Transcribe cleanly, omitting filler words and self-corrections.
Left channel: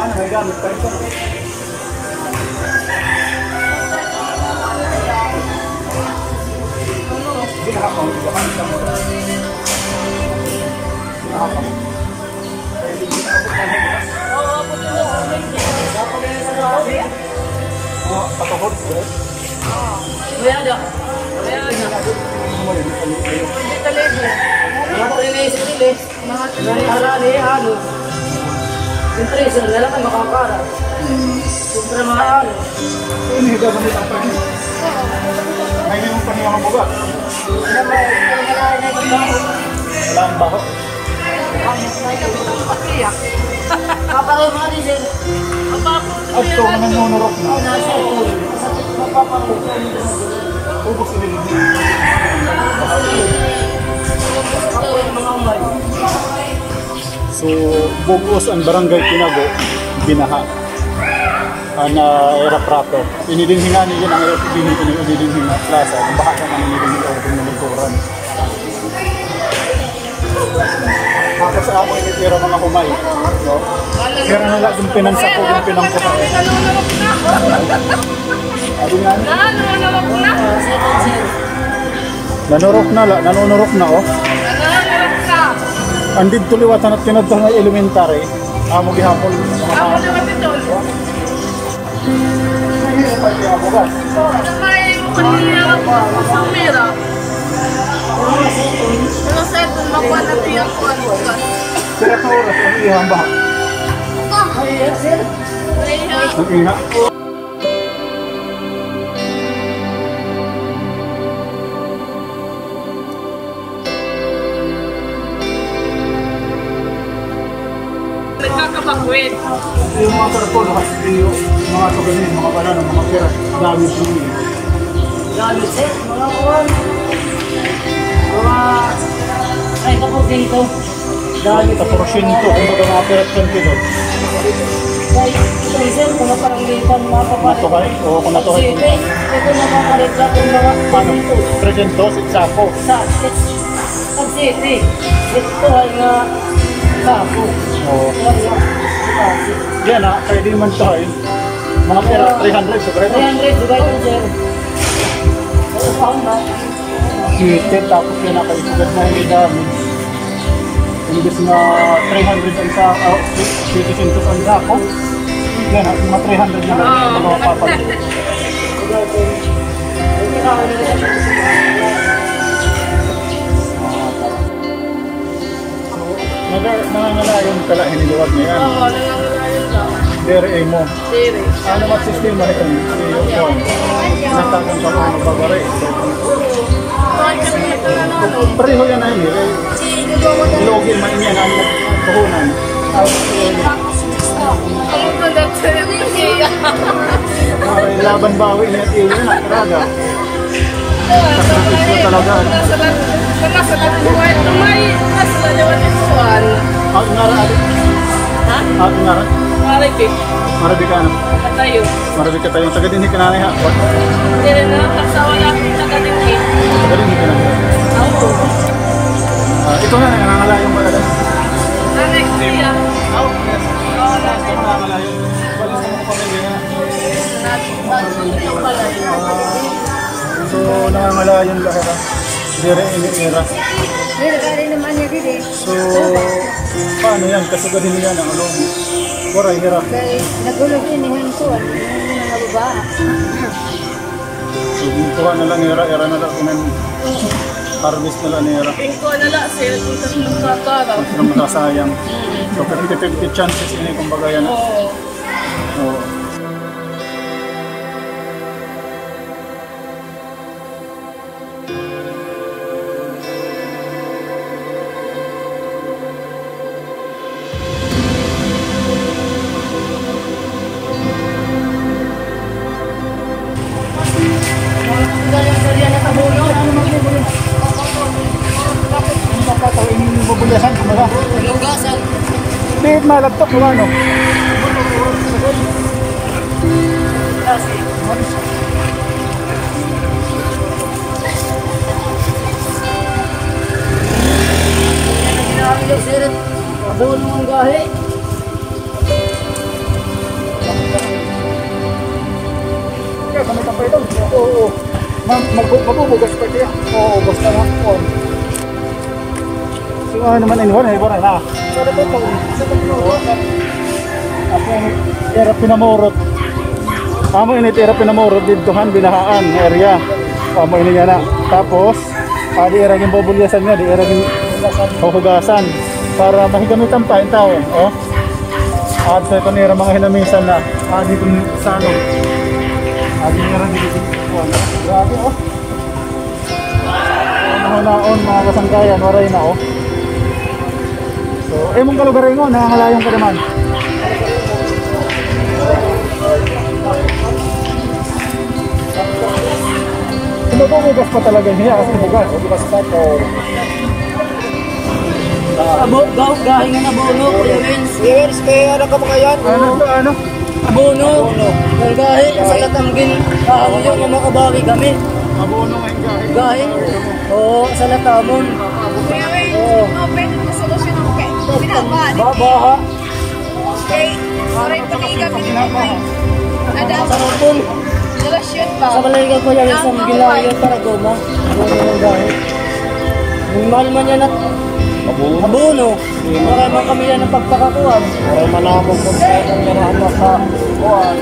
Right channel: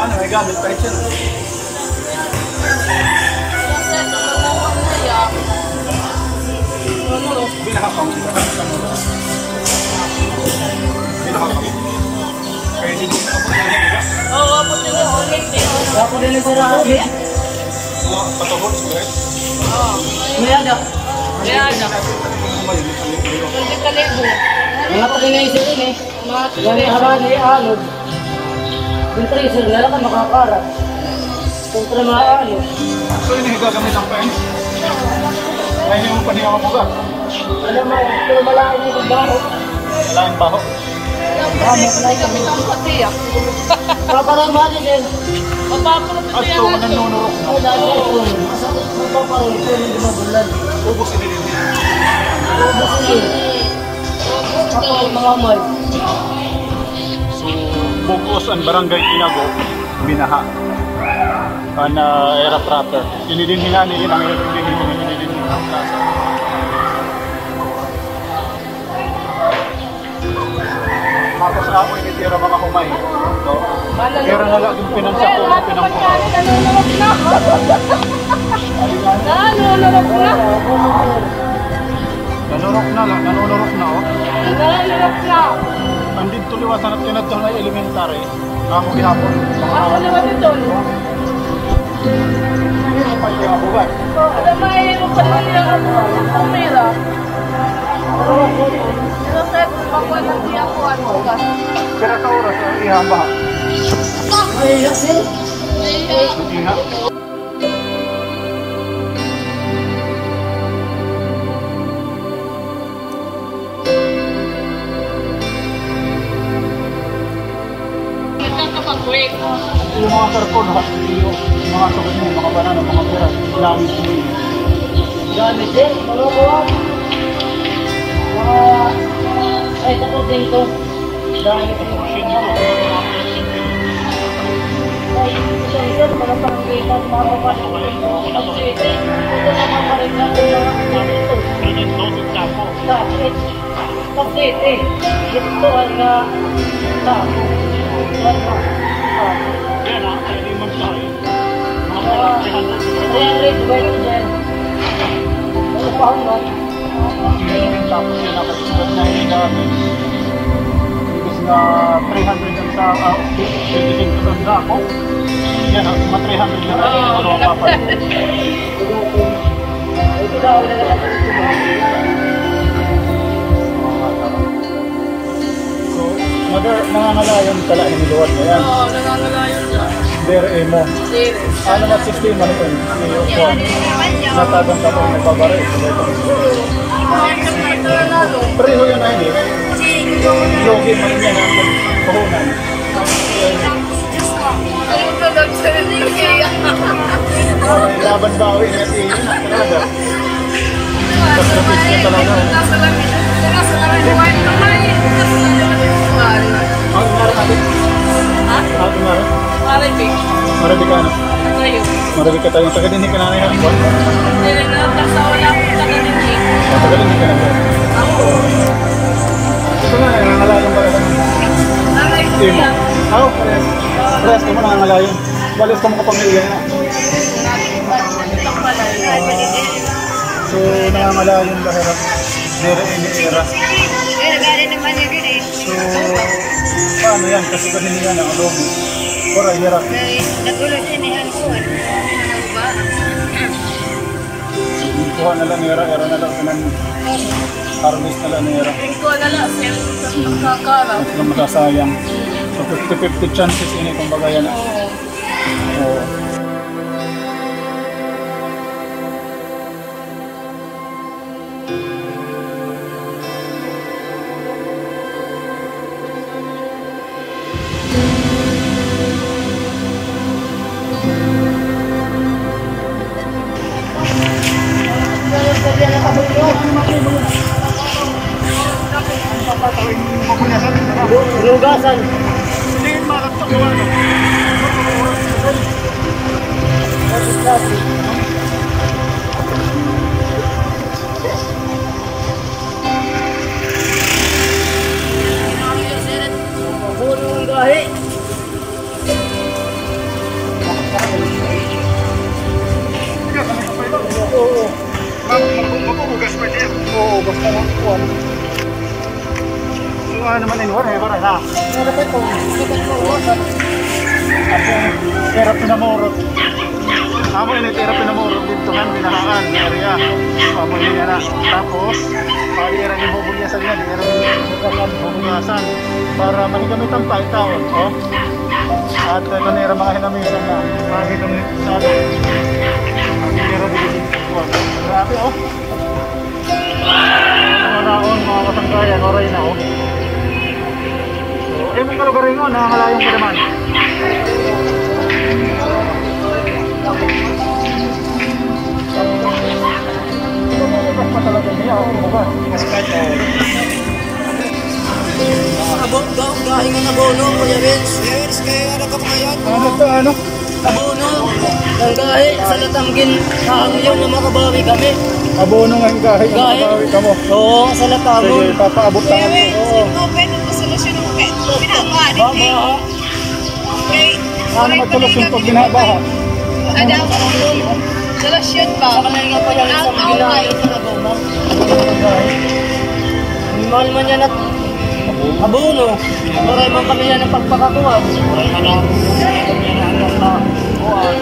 Ano, may gamit kahit siya. Binahakaw mo sila. Kanita mo lang. Binahakaw mo. Kaya hindi mo kapag yan, di ba? Oo, kapag nila sa lente. Ako din sa lagi. Mga patuhod, right? Oo. May ada. Kaya na. Hindi talibo. Mga pa rin yung sirili. Mga Gani harani, alod. Yung tracer, lalakan makakara. Kumpra mga alod. So, inihiga gamit ang pain. Ngayon mo pa niya mabuga. Alam mo, pero malaki na yung baho. Wala ang baho. patiyak. Kaparoon mo din din. At ito, mananunurok na. Oo, nasa ito. Mapaparoon ito. Ubus ini din. Ito, mga amoy. So, Bugos ang barangay Tinago, binaha. Na era proper. Inidinhinga ni din ang inidinhinga plaza. Baha ka ng inidinhinga. Tapos sa amo initira mga humay. So, kira na lang yung pinansa ko, yung pinangkuha. Nanunurok na. Sabi nga niya. Nanunurok na. Nanunurok na oh. Nanunurok na. Andid tuliwatan at kinadto ng elementary. Amo gihapon mga Ako naman ito. Ano may makaliliya ka po sa mera? Pero sa ito, makuha ng tiyang ko ano ka. Pero sa oras, ihang baha. Ay, sir. Iha. Nagkakapagwit. Yung mga karpon, yung mga suganin, mga banana, mga pira, dami sumili. Gamit, sir. Mga buwan. Mga... Ay, tapos dito. Gamit, Sa sir. porsyento, kung ito mga person pino. Ay, ito, sir. Mga paranggitan, mapapalit. Natuhay, o kung natuhay. Ito na mga parigla kung mga paninto. Presento, sako. Sa City. Ito ay nga sako. Kaya nga, sipasi. Yan ha, kaya di man tayo. Mga pera, 300, sobra ito. 300, dugay ko, sir. Ano pa na? Chicken, tapos yun ako isugat na hindi dami. Imbis na 300 ang sa, 25 ang sako. Yan ha, mga 300 yun ang mga papalit. Dugay ko. Ay, kailangan na lang sa sila. So, nangangalayon tala hiniluwat na yan. Oo, nangangalayon lang. Dere mo. Dire. Ano mas sistema ito? Yung kuwan. Natagang ka mo nagbabari. Pareho yan na yun eh. Login man niya na ang nagpuhunan. Ano pa daw siya? Para laban bawi niya at iyo na. Talaga. Sakripisyo talaga. Ngara adik? Ate ngara? Maribik. Marabik ka ano? Tayo. Marabik ka tayong taga din ka nanay ha? What? Dire na, kasawa lang ang taga-dinhi. O taga din ka nanay. Oo. Ito nga, nangangalayong pala naman. Nanay ko yan. Oo, press ka mo nangangalayong. Balis kang kapamilya nga. Nandito pala. So, nangangalayong lahira. Dire ini-era. So, paano yan? Kasugahin niya ng alomi. Koray, hirap. Nagulos inihan ko. So, kuha na lang era na lang. Harvest na lang era. Ito alala, sir. Ito sa pagkakara. Hindi sila masasayang. So, 50-50 chances ini kumbaga yan. Oo. Lugasan. Hindi malagtok mo ano. Doon naman gahi. pa ito. Oo. Magbubugas pa siya. Oo, basta na. Kuwan. So ano naman inwan, ibaray na. Pero pa ito. Ako, era pinamorot. Amo ini era pinamorot ditohan binahaan ng area. Amo ini nga na. Tapos, di era yung bubulyasan niya, di era yung hugasan para mahigamitan pa yung taon. Oh. At ito nira mga hinamisan na dito sa ano. Nira dito kuwan. Grabe oh. Mga naon, mga kasangkayan, waray na oh. So, mong kalugarin mo, nangangalayong ka naman. Bugas pa talaga niya kasi bugas. Bugas pa ito. Gahinga na abono, Kuya Vince. Yes, kaya ano ka mga yan? Ano to, ano? Abono. Ang gahi, sa latamgin, kahangyo nga makabawi kami. Abono nga yung gahi. Gahi? Kamo. Oo, sa latamon. Sige, papaabot ka natin. Oo. Ikaw, pwede mo solusyon ng binabaha. Babaha. Okay, oray pa Solusyon kami pag ni binabaha. Adam, Sarapon. solusyon Sa ba? kanila pa yan isang gilayo para goma. Abono ng gahi. Mahal man yan at abono. Maray man kami yan ang pagpakakuwag. Ay, malabog kung kaya kung yan ang anak na kuwan.